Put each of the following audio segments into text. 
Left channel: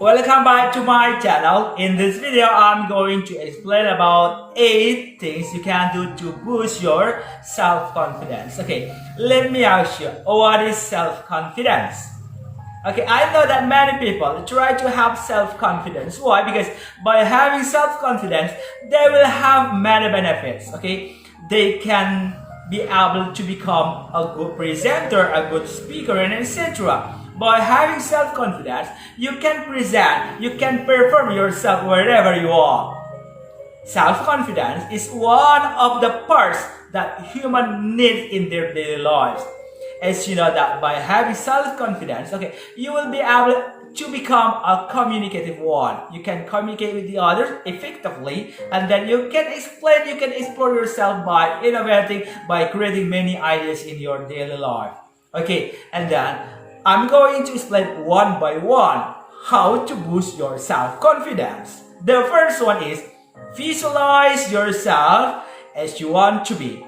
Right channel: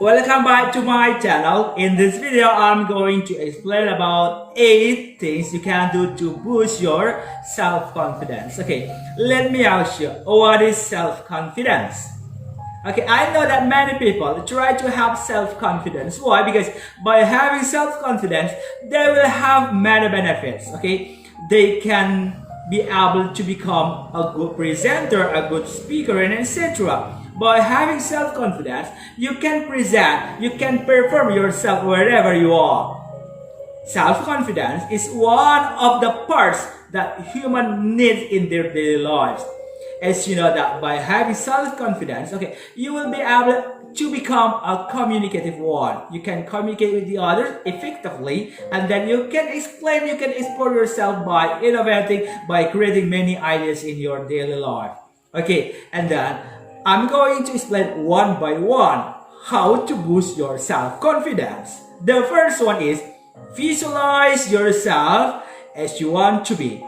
Welcome back to my channel. In this video, I'm going to explain about 8 things you can do to boost your self-confidence. Okay, let me ask you, what is self-confidence? Okay, I know that many people try to have self-confidence. Why? Because by having self-confidence, they will have many benefits. Okay, they can be able to become a good presenter, a good speaker, and etc. By having self-confidence, you can present, you can perform yourself wherever you are. Self-confidence is one of the parts that humans need in their daily lives. As you know that by having self-confidence, okay, you will be able to become a communicative one. You can communicate with the others effectively, and then you can explain, you can explore yourself by innovating, by creating many ideas in your daily life. Okay, and then I'm going to explain one by one how to boost your self-confidence. The first one is visualize yourself as you want to be.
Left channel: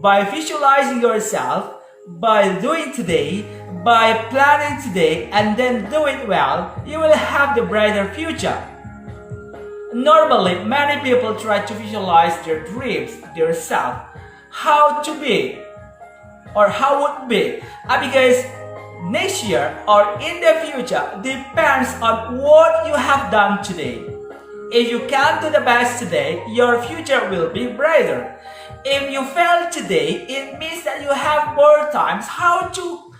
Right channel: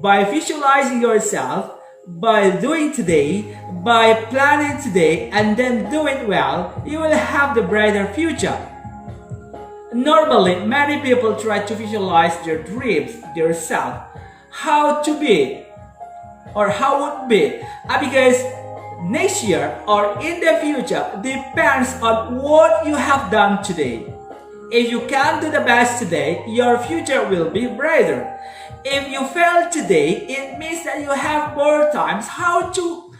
By visualizing yourself, by doing today, by planning today, and then do it well, you will have the brighter future. Normally, many people try to visualize their dreams, their self, how to be, or how would be, because next year or in the future depends on what you have done today. If you can do the best today, your future will be brighter. If you fail today, it means that you have more times how to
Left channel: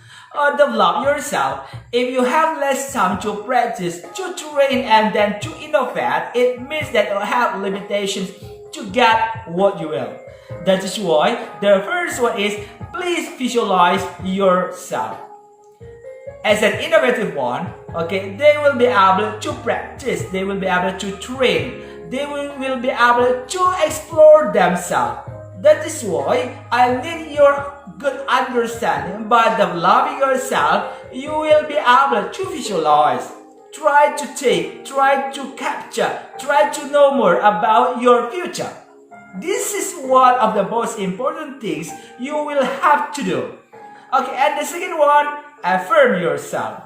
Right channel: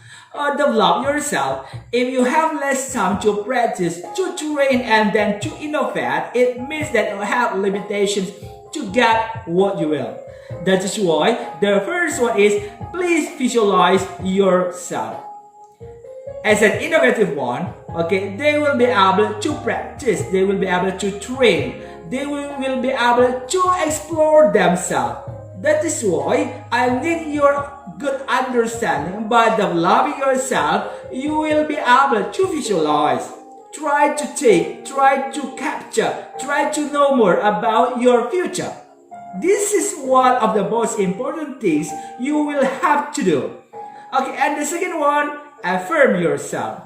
develop yourself. If you have less time to practice, to train, and then to innovate, it means that you have limitations to get what you will. That is why the first one is please visualize yourself. As an innovative one, okay, they will be able to practice, they will be able to train, they will be able to explore themselves. That is why I need your good understanding. By developing yourself, you will be able to visualize. Try to take, try to capture, try to know more about your future. This is one of the most important things you will have to do. Okay, and the second one, affirm yourself.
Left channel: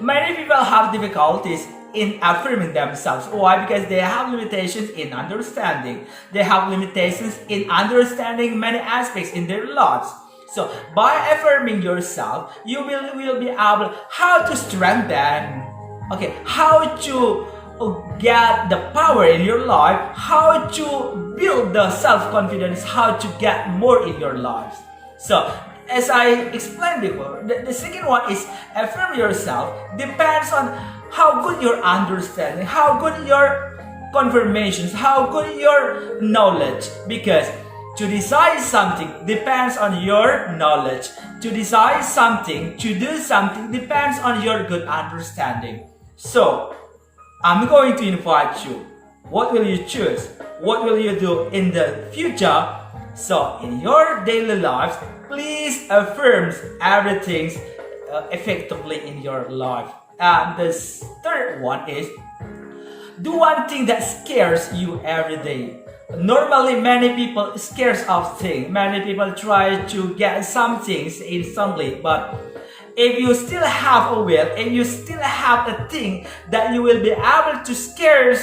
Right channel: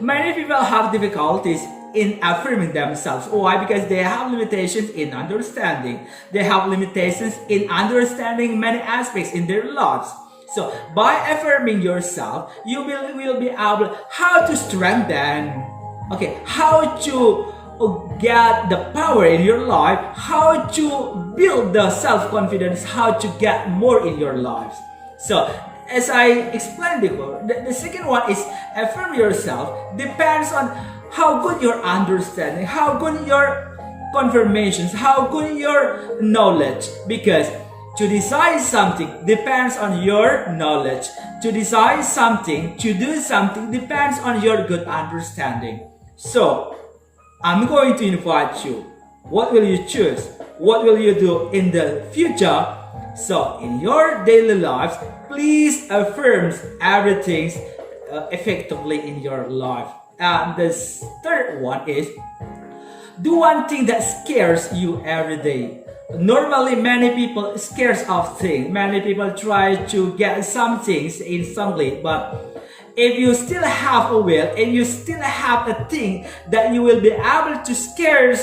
Many people have difficulties in affirming themselves. Why? Because they have limitations in understanding. They have limitations in understanding many aspects in their lives. So by affirming yourself, you will be able how to strengthen, okay, how to get the power in your life, how to build the self-confidence, how to get more in your lives. So as I explained before, the second one is affirm yourself depends on how good your understanding, how good your confirmations, how good your knowledge. Because to decide something depends on your knowledge. To decide something, to do something depends on your good understanding. So, I'm going to invite you. What will you choose? What will you do in the future? So, in your daily lives, please affirm everything effectively in your life. And the third one is do one thing that scares you every day. Normally, many people scared of things. Many people try to get some things instantly, but if you still have a will, if you still have a thing that you will be able to scare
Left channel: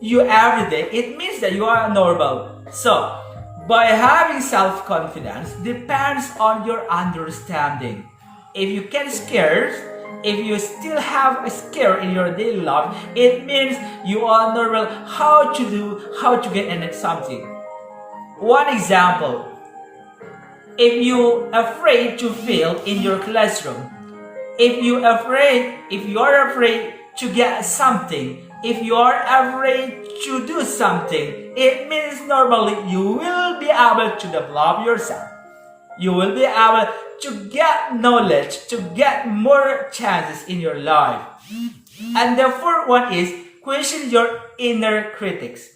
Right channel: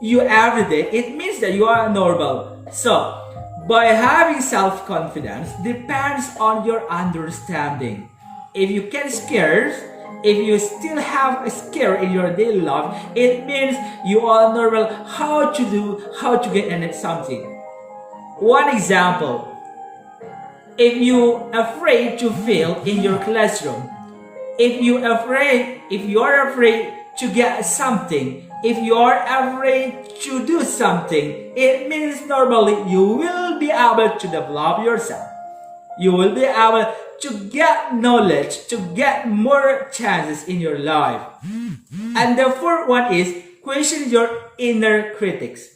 you every day, it means that you are normal. So, by having self-confidence depends on your understanding. If you can scare, if you still have a scare in your daily life, it means you are normal how to do, how to get something. One example, if you are afraid to fail in your classroom, if you are afraid to get something, if you are afraid to do something, it means normally you will be able to develop yourself. You will be able to get knowledge, to get more chances in your life. And the fourth one is question your inner critics.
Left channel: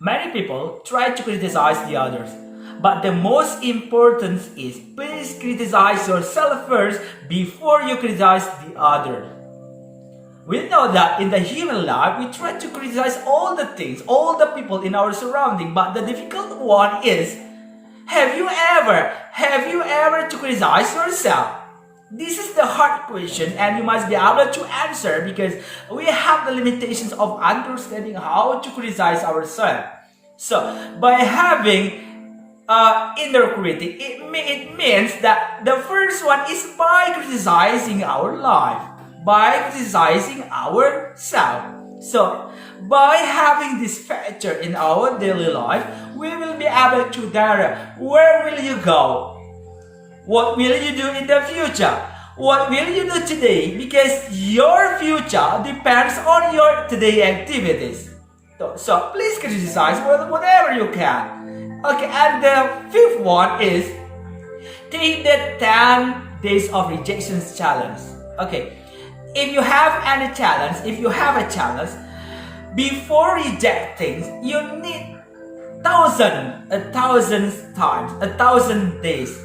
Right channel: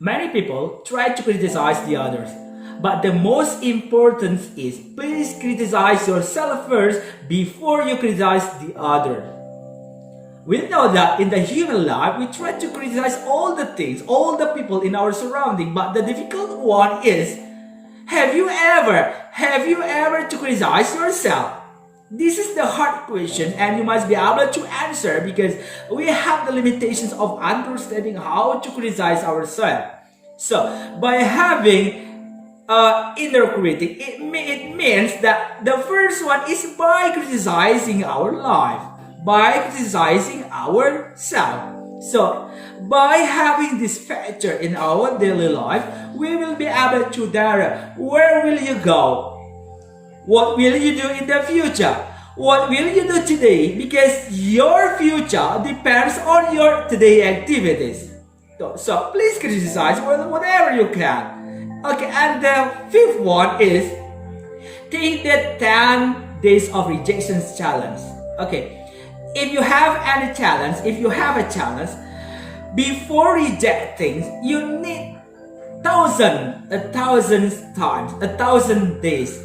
Many people try to criticize the others, but the most important is please criticize yourself first before you criticize the other. We know that in the human life, we try to criticize all the things, all the people in our surrounding, but the difficult one is, have you ever to criticize yourself? This is the hard question, and you must be able to answer because we have the limitations of understanding how to criticize ourselves. So, by having inner critic, it means that the first one is by criticizing our life, by criticizing ourselves. So, by having this factor in our daily life, we will be able to direct where will you go, what will you do in the future, what will you do today, because your future depends on your today activities. So please criticize whatever you can. Okay, and the fifth one is take the 10 days of rejections challenge. Okay, if you have any challenge, if you have a challenge, before rejecting, you need 1,000 times, 1,000 days,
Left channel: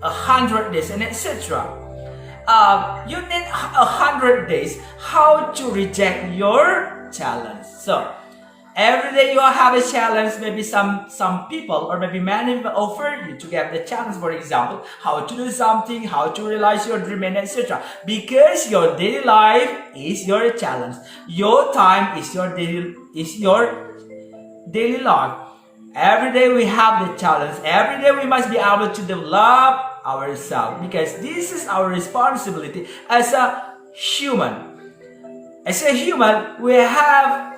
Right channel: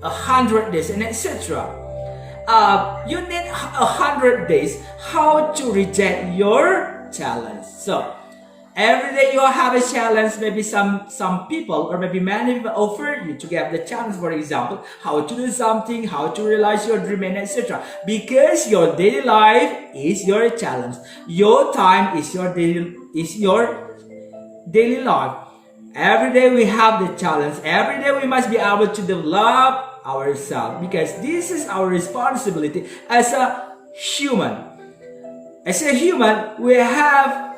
100 days, and etc. You need 100 days how to reject your challenge. So every day you have a challenge. Maybe some people or maybe many people offer you to get the challenge. For example, how to do something, how to realize your dream, and etc. Because your daily life is your challenge. Your time is your daily life. Every day we have the challenge. Every day we must be able to develop ourselves because this is our responsibility as a human. As a human, we have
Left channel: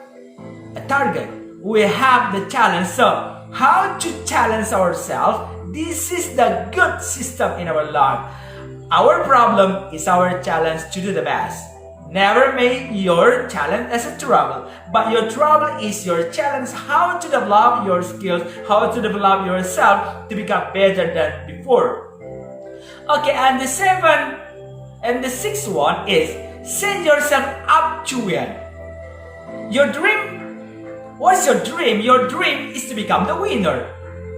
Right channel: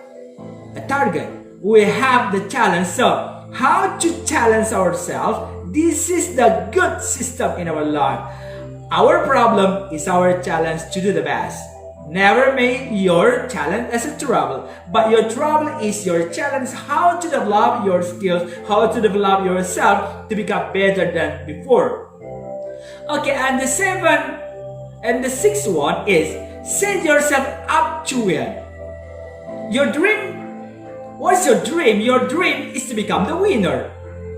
a target. We have the challenge. So, how to challenge ourselves? This is the good system in our life. Our problem is our challenge to do the best. Never make your challenge as a trouble, but your trouble is your challenge how to develop your skills, how to develop yourself to become better than before. Okay, and the sixth one is set yourself up to win. Your dream, what's your dream? Your dream is to become the winner.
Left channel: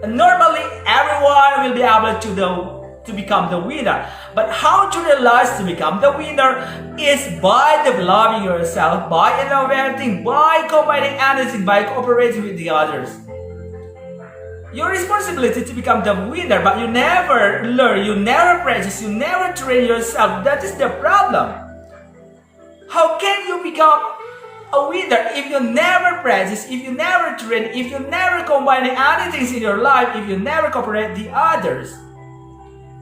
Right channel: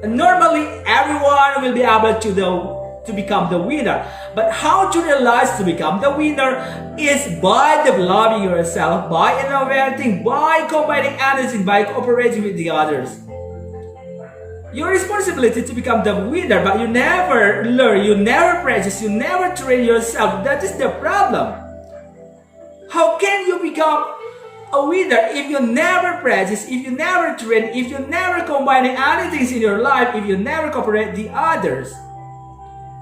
And normally, everyone will be able to become the winner. But how to realize to become the winner is by developing yourself, by innovating, by combining anything, by cooperating with the others. Your responsibility to become the winner, but you never learn, you never practice, you never train yourself. That is the problem. How can you become a winner if you never practice, if you never train, if you never combine anything in your life, if you never cooperate the others?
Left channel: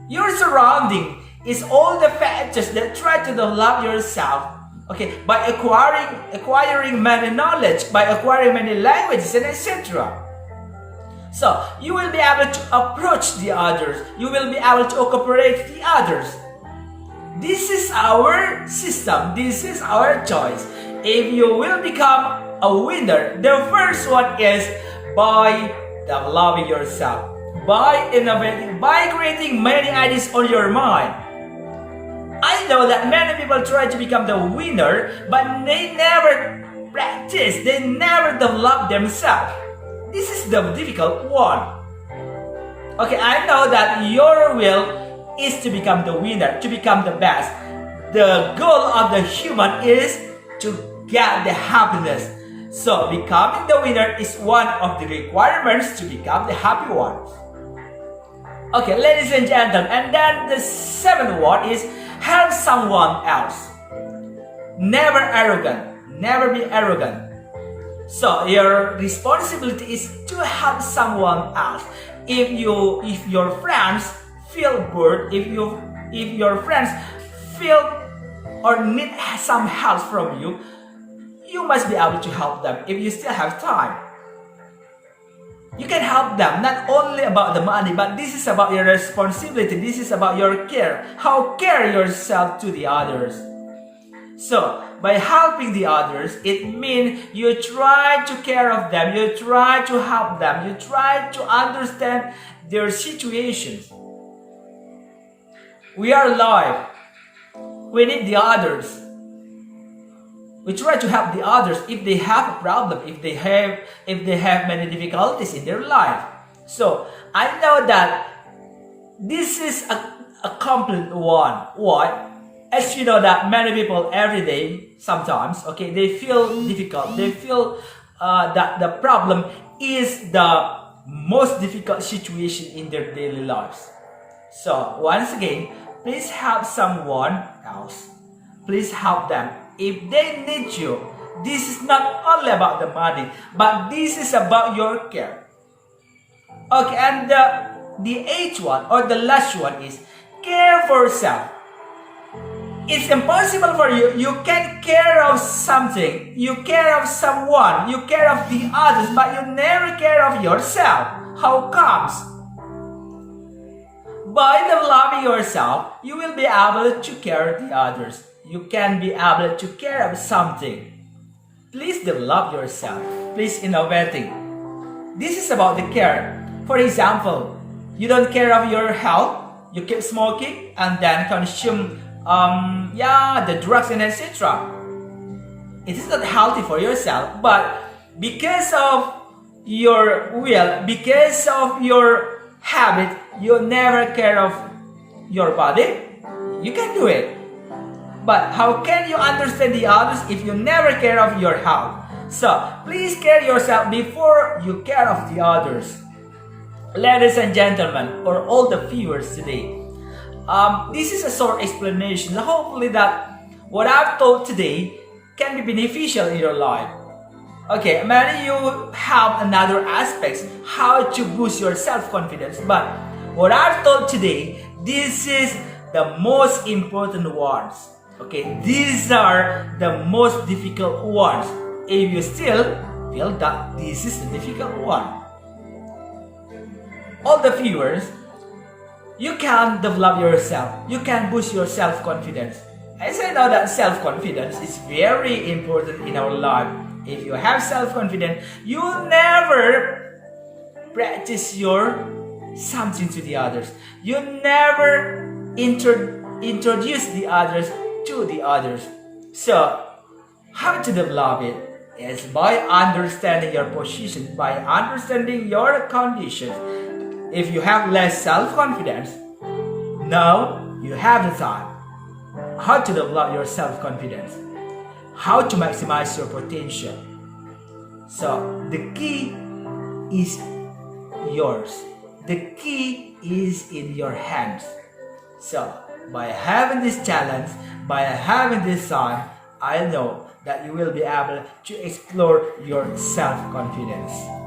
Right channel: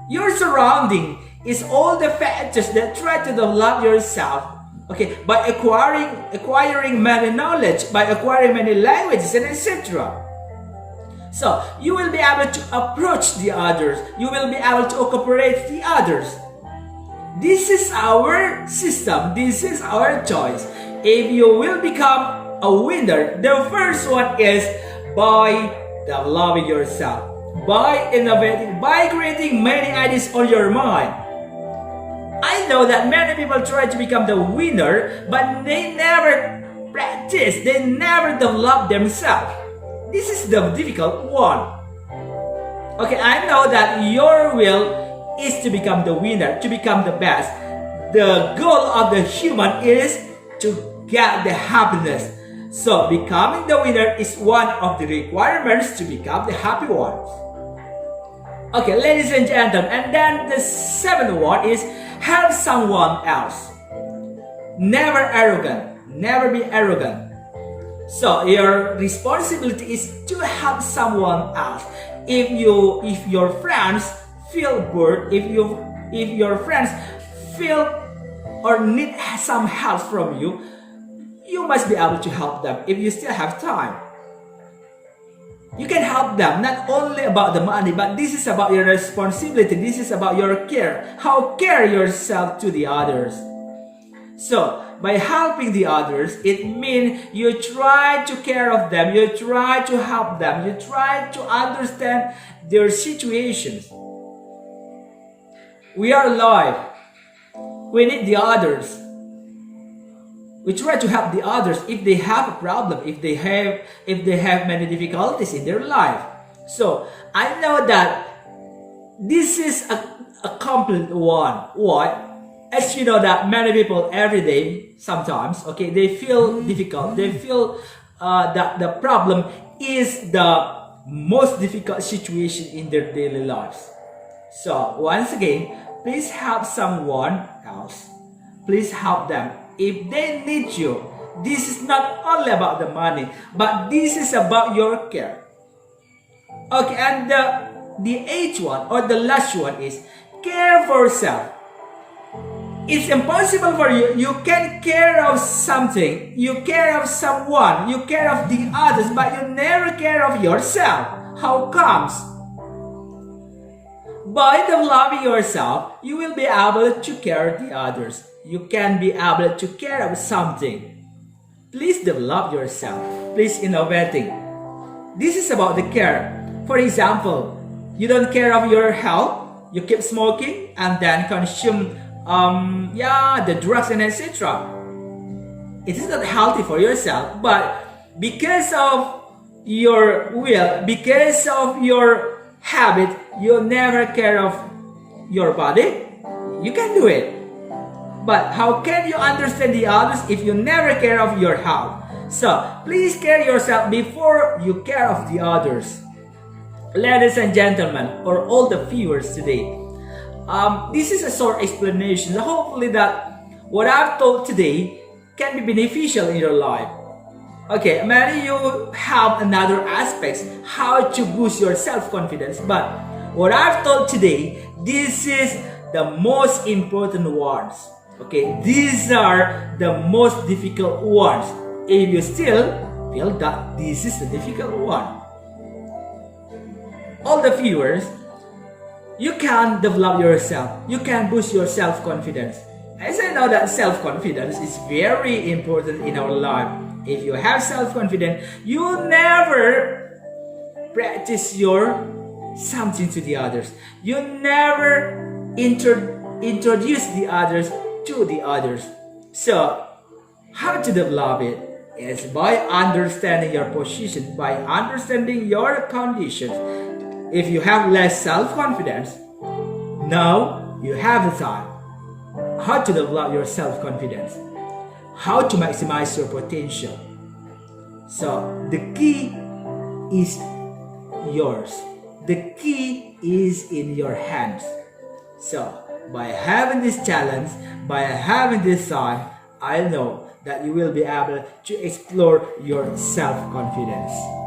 Your surrounding is all the factors that try to develop yourself. Okay, by acquiring many knowledge, by acquiring many languages, and etc. So you will be able to approach the others. You will be able to cooperate the others. This is our system. This is our choice. If you will become a winner, the first one is by developing yourself, by innovating, by creating many ideas on your mind. I know that many people try to become the winner, but they never practice, they never develop themselves. This is the difficult one. Okay, I know that your will is to become the winner, to become the best. The goal of the human is to get the happiness. So becoming the winner is one of the requirements to become the happy ones. Okay, ladies and gentlemen, and then the seventh one is help someone else. Never arrogant. Never be arrogant. So your responsibility is to help someone else. If your friends feel bored, if your friends feel or need some help from you, you must be able to help them if you still have time. You can help them, not only about the money, but this is about your responsibility. This is about your care. How care yourself to the others. So, by helping the others, it means you try to care of them, you try to help them, you try to understand their situations. We are alive. We need the others. We try to help the others if they have a problem, if they have many difficulties in their life. So I know that this is a complete one. Why? As you know that many people every day, sometimes, okay, they feel difficult. They feel that the problem is the most difficult situation in their daily lives. So once again, please help someone else. Please help them. If they need you, this is not only about the money, but this is about your care. Okay, and the eighth one or the last one is care for self. It's impossible for you. You can care of something, you care of someone, you care of the others, but you never care of yourself. How comes? By developing yourself, you will be able to care of the others. You can be able to care of something. Please develop yourself. Please innovating. This is about the care. For example, you don't care of your health. You keep smoking and then consume the drugs and etc. It is not healthy for yourself, but because of your will, because of your habit, you never care of your body. You can do it, but how can you understand the others if you never care of your health? So please care yourself before you care of the others. Ladies and gentlemen, or all the viewers today, this is a short explanation. Hopefully that what I've told today can be beneficial in your life. Okay, maybe you have another aspects how to boost your self-confidence, but what I've told today, this is the most important ones. Okay, these are the most difficult ones. If you still feel that this is the difficult one, all the viewers, you can develop yourself. You can boost your self-confidence. As I know that self-confidence is very important in our life. If you have self-confidence, you will never practice your something to the others. You never introduce the others to the others. So, how to develop it is by understanding your position, by understanding your conditions. If you have less self-confidence, now you have the time. How to develop your self-confidence? How to maximize your potential? So the key is yours. The key is in your hands. So by having this challenge, by having this time, I know that you will be able to explore your self-confidence.